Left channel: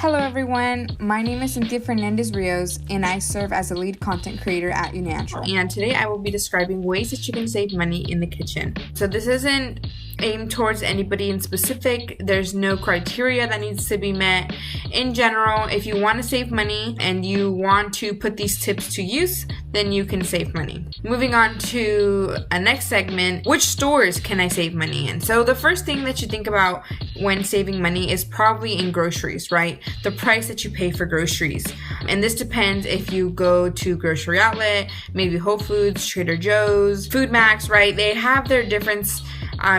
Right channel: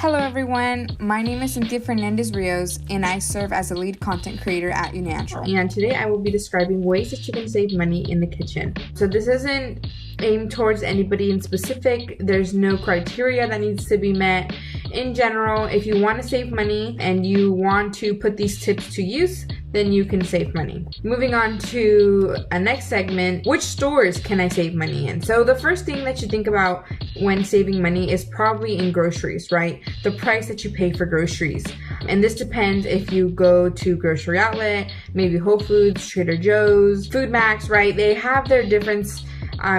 Hello everyone, my name is Cynthia Rios and I serve as a lead content creator at YouNancial. And today I will be describing ways that you can save money in the kitchen. So this isn't aimed towards anybody in specific. There's no criteria that needs to be met. In general, if you want to save money and you want to put these tips to use, then you can save money. Moving on to a next segment, which stores can I save money in? So the first thing that you think about when saving money is probably in groceries, right? The price that you pay for groceries. And this depends if you go to grocery outlet, maybe Whole Foods, Trader Joe's, Food Max, right? They have their difference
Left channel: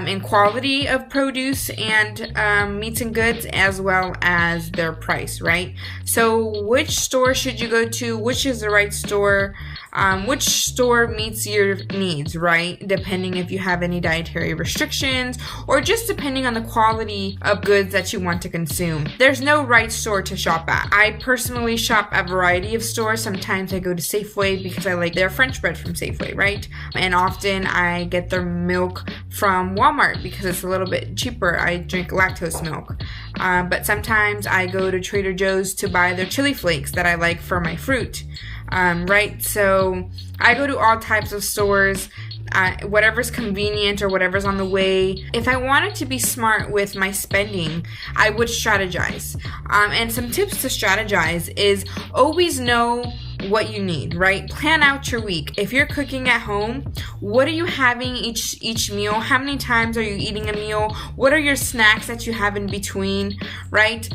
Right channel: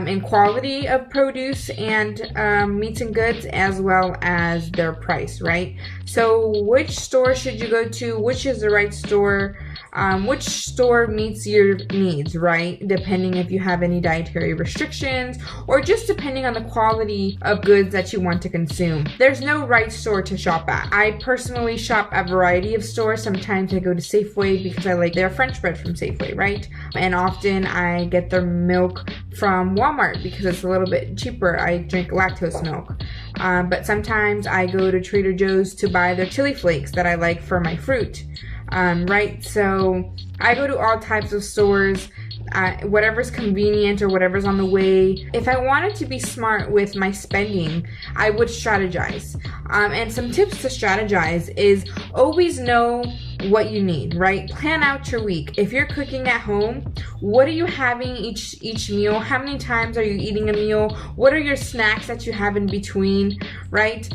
in quality of produce and meats and goods, as well as their price, right? So which store should you go to? Which is the right store? Which store meets your needs, right? Depending if you have any dietary restrictions or just depending on the quality of goods that you want to consume. There's no right store to shop at. I personally shop at a variety of stores. Sometimes I go to Safeway because I like their French bread from Safeway, right? And often I get their milk from Walmart because it's a little bit cheaper. I drink lactose milk. But sometimes I go to Trader Joe's to buy their chili flakes that I like for my fruit. Right? So I go to all types of stores, whatever's convenient or whatever's on the way. If I wanted to be smart with my spending, I would strategize. And some tips to strategize is always know what you need, right? Plan out your week. If you're cooking at home, what are you having each meal? How many times are you eating a meal? What are your snacks that you have in between, right?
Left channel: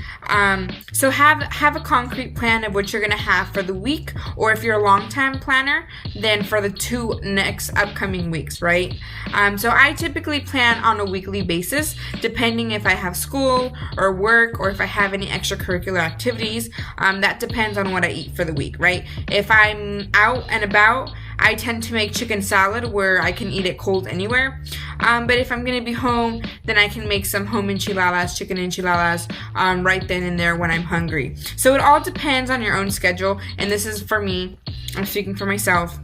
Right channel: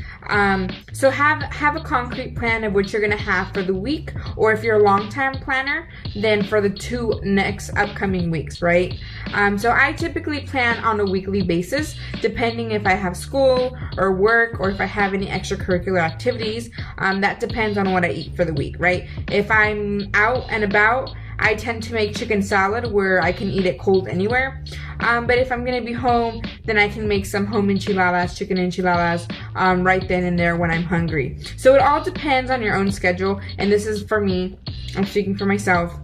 So have a concrete plan of what you're gonna have for the week, or if you're a long-time planner, then for the 2 next upcoming weeks, right? So I typically plan on a weekly basis, depending if I have school or work or if I have any extracurricular activities. That depends on what I eat for the week, right? If I'm out and about, I tend to make chicken salad where I can eat it cold anywhere. But if I'm gonna be home, then I can make some home enchiladas, chicken enchiladas, right then and there when I'm hungry. So it all depends on your own schedule, and this is for me, I'm speaking for myself.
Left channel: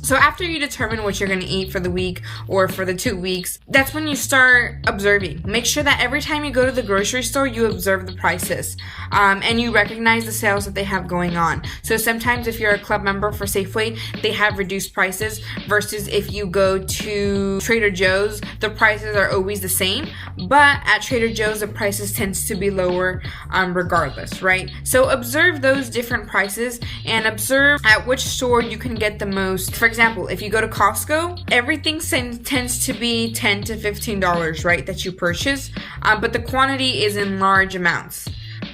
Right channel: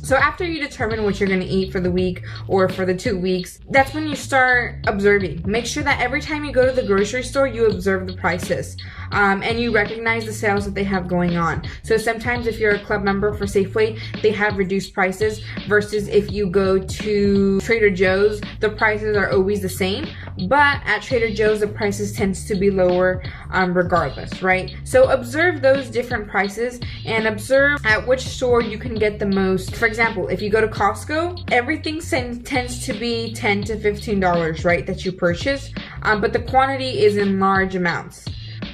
So after you determine what you're going to eat for the week or for the 2 weeks, that's when you start observing. Make sure that every time you go to the grocery store, you observe the prices and you recognize the sales that they have going on. So sometimes if you're a club member for Safeway, they have reduced prices versus if you go to Trader Joe's, the prices are always the same. But at Trader Joe's, the prices tends to be lower regardless, right? So observe those different prices and observe at which store you can get the most. For example, if you go to Costco, everything tends to be $10 to $15, right, that you purchase, but the quantity is in large amounts.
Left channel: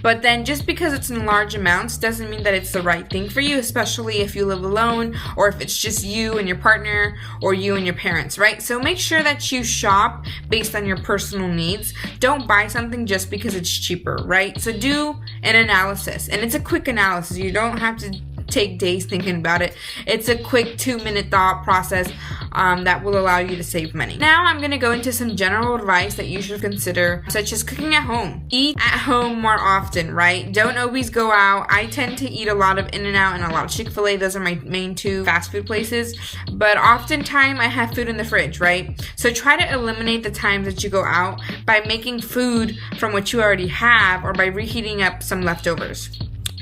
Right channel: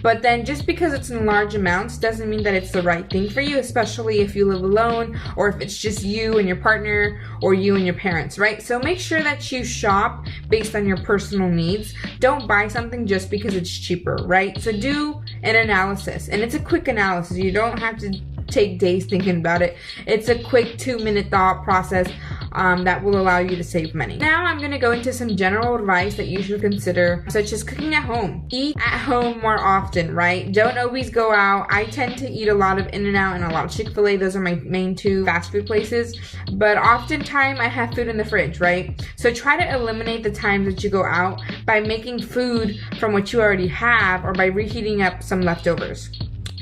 But then just because it's in large amounts doesn't mean that it's the right thing for you, especially if you live alone or if it's just you and your partner or you and your parents, right? So make sure that you shop based on your personal needs. Don't buy something just because it's cheaper, right? So do an analysis, and it's a quick analysis. You don't have to take days thinking about it. It's a quick 2-minute thought process that will allow you to save money. Now I'm going to go into some general advice that you should consider, such as cooking at home. Eat at home more often, right? Don't always go out. I tend to eat a lot of In-N-Out and a lot of Chick-fil-A. Those are my main 2 fast food places. But oftentimes I have food in the fridge, right? So try to eliminate the times that you go out by making food from what you already have or by reheating up some leftovers.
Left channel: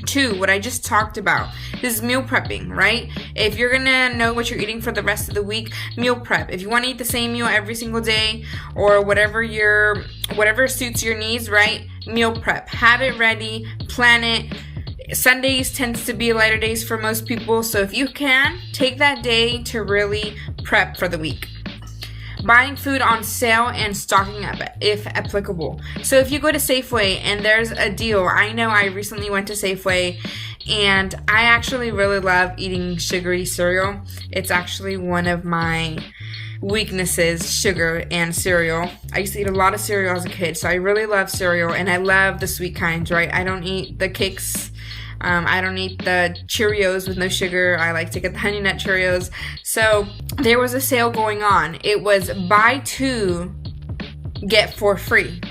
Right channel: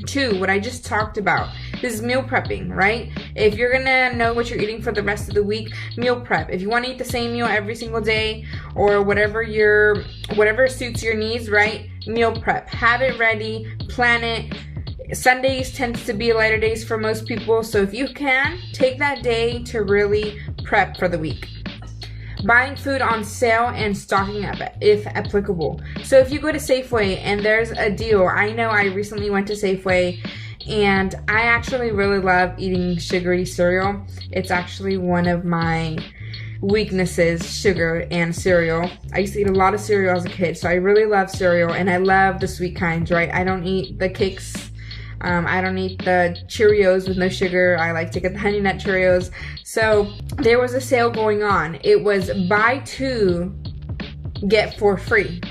2, what I just talked about, this is meal prepping, right? If you're gonna know what you're eating for the rest of the week, meal prep. If you want to eat the same meal every single day or whatever suits your needs, right? Meal prep. Have it ready, plan it. Sundays tends to be lighter days for most people, so if you can, take that day to really prep for the week. Buying food on sale and stocking up if applicable. So if you go to Safeway and there's a deal, I know I recently went to Safeway and I actually really love eating sugary cereal. It's actually one of my weaknesses, sugar and cereal. I used to eat a lot of cereal as a kid, so I really love cereal, and I love the sweet kinds, right? I don't eat the cakes. I don't eat the Cheerios with no sugar. I like to get the Honey Nut Cheerios. So there was a sale going on. It was buy 2, get 4 free.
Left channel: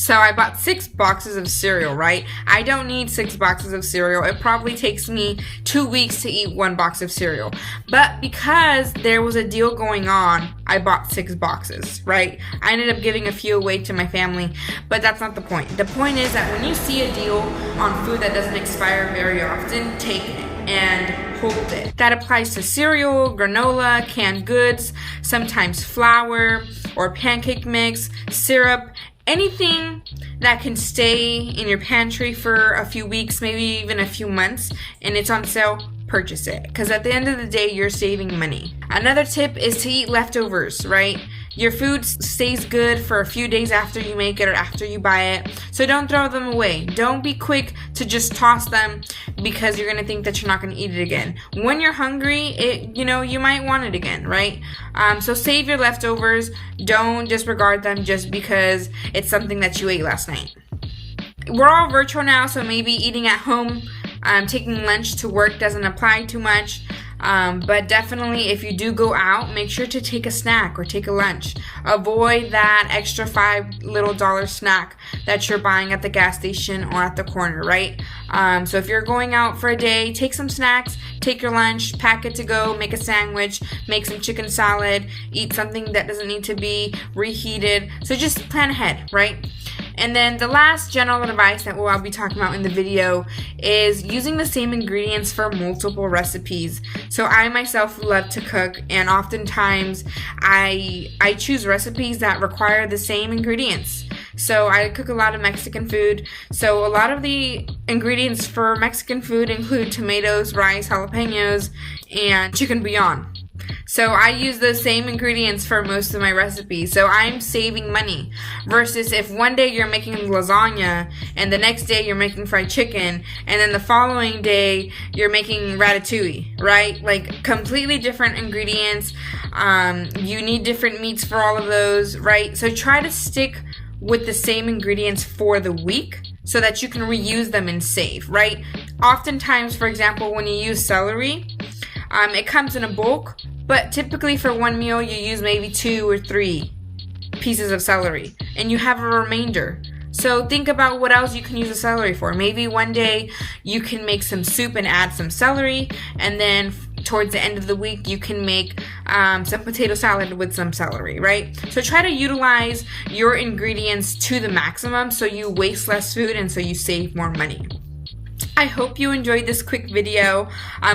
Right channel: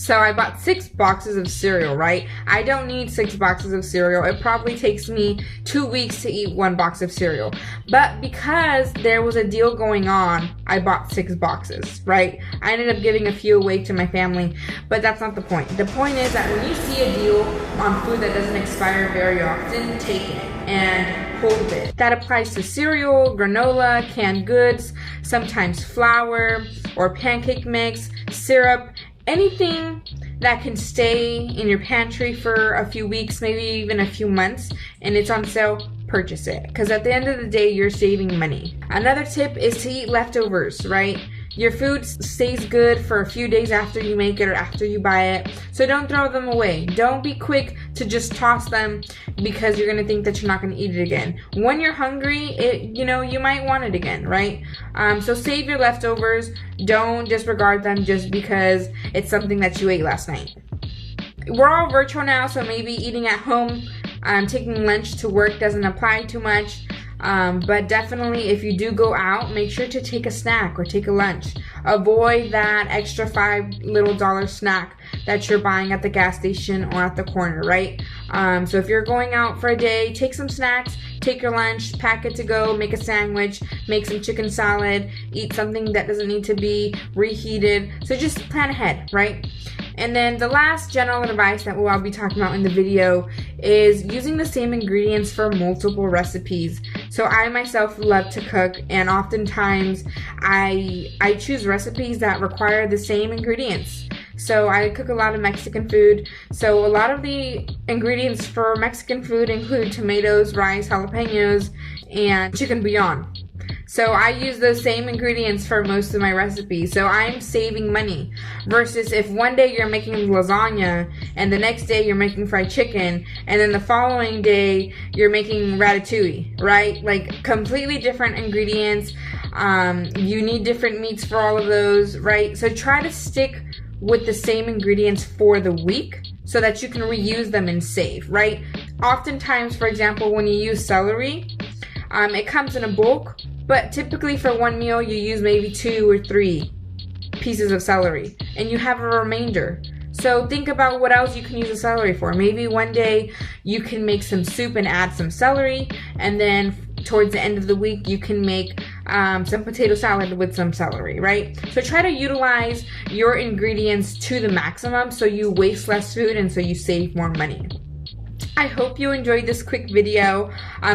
So I bought 6 boxes of cereal, right? I don't need 6 boxes of cereal. It probably takes me 2 weeks to eat 1 box of cereal. But because there was a deal going on, I bought 6 boxes, right? I ended up giving a few away to my family, but that's not the point. The point is that when you see a deal on food that doesn't expire very often, take it and hold it. That applies to cereal, granola, canned goods, sometimes flour or pancake mix, syrup, anything that can stay in your pantry for a few weeks, maybe even a few months, and it's on sale, purchase it. Because at the end of the day, you're saving money. Another tip is to eat leftovers, right? Your food stays good for a few days after you make it or after you buy it. So don't throw them away. Don't be quick to just toss them because you're going to think that you're not going to eat it again. When you're hungry, you might want it again, right? So save your leftovers. Don't disregard them just because it's something that you ate last night. We're all virtual now, so maybe eating at home, taking lunch to work doesn't apply too much. But definitely if you do go out, make sure to take a snack or take a lunch. Avoid that extra $5 little snack that you're buying at the gas station or at the corner, right? So if you're going out for a day, take some snacks, take your lunch, pack it to go, make a sandwich, make some chicken salad, eat something that doesn't need to be reheated. So just plan ahead, right? And then the last general advice that I'll be talking about in the video is using the same ingredients for multiple recipes. So I myself love to cook, and oftentimes I choose recipes that require the same ingredients. So I cook a lot of Mexican food. So a lot of the ingredients for Mexican food include tomatoes, rice, jalapenos, and chicken bouillon. So I use those same ingredients for most of my recipes. So I'm saving money. Versus if one day you're making lasagna and the next day you're making fried chicken and then the following day you're making ratatouille, right? Like completely different ingredients. You need different meats for all of those, right? So try to stick with the same ingredients for the week so that you can reuse them and save, right? Oftentimes, for example, when you use celery, it comes in a bulk, but typically for one meal you use maybe 2 or 3 pieces of celery and you have a remainder. So think about what else you can use the celery for. Maybe one day you can make some soup and add some celery, and then towards the end of the week you can make some potato salad with some celery, right? So try to utilize your ingredients to the maximum so you waste less food and so you save more money. I hope you enjoyed this quick video.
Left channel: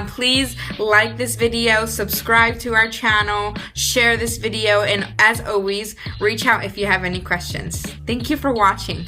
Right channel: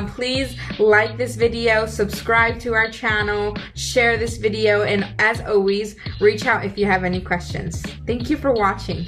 Please like this video, subscribe to our channel, share this video, and as always, reach out if you have any questions. Thank you for watching.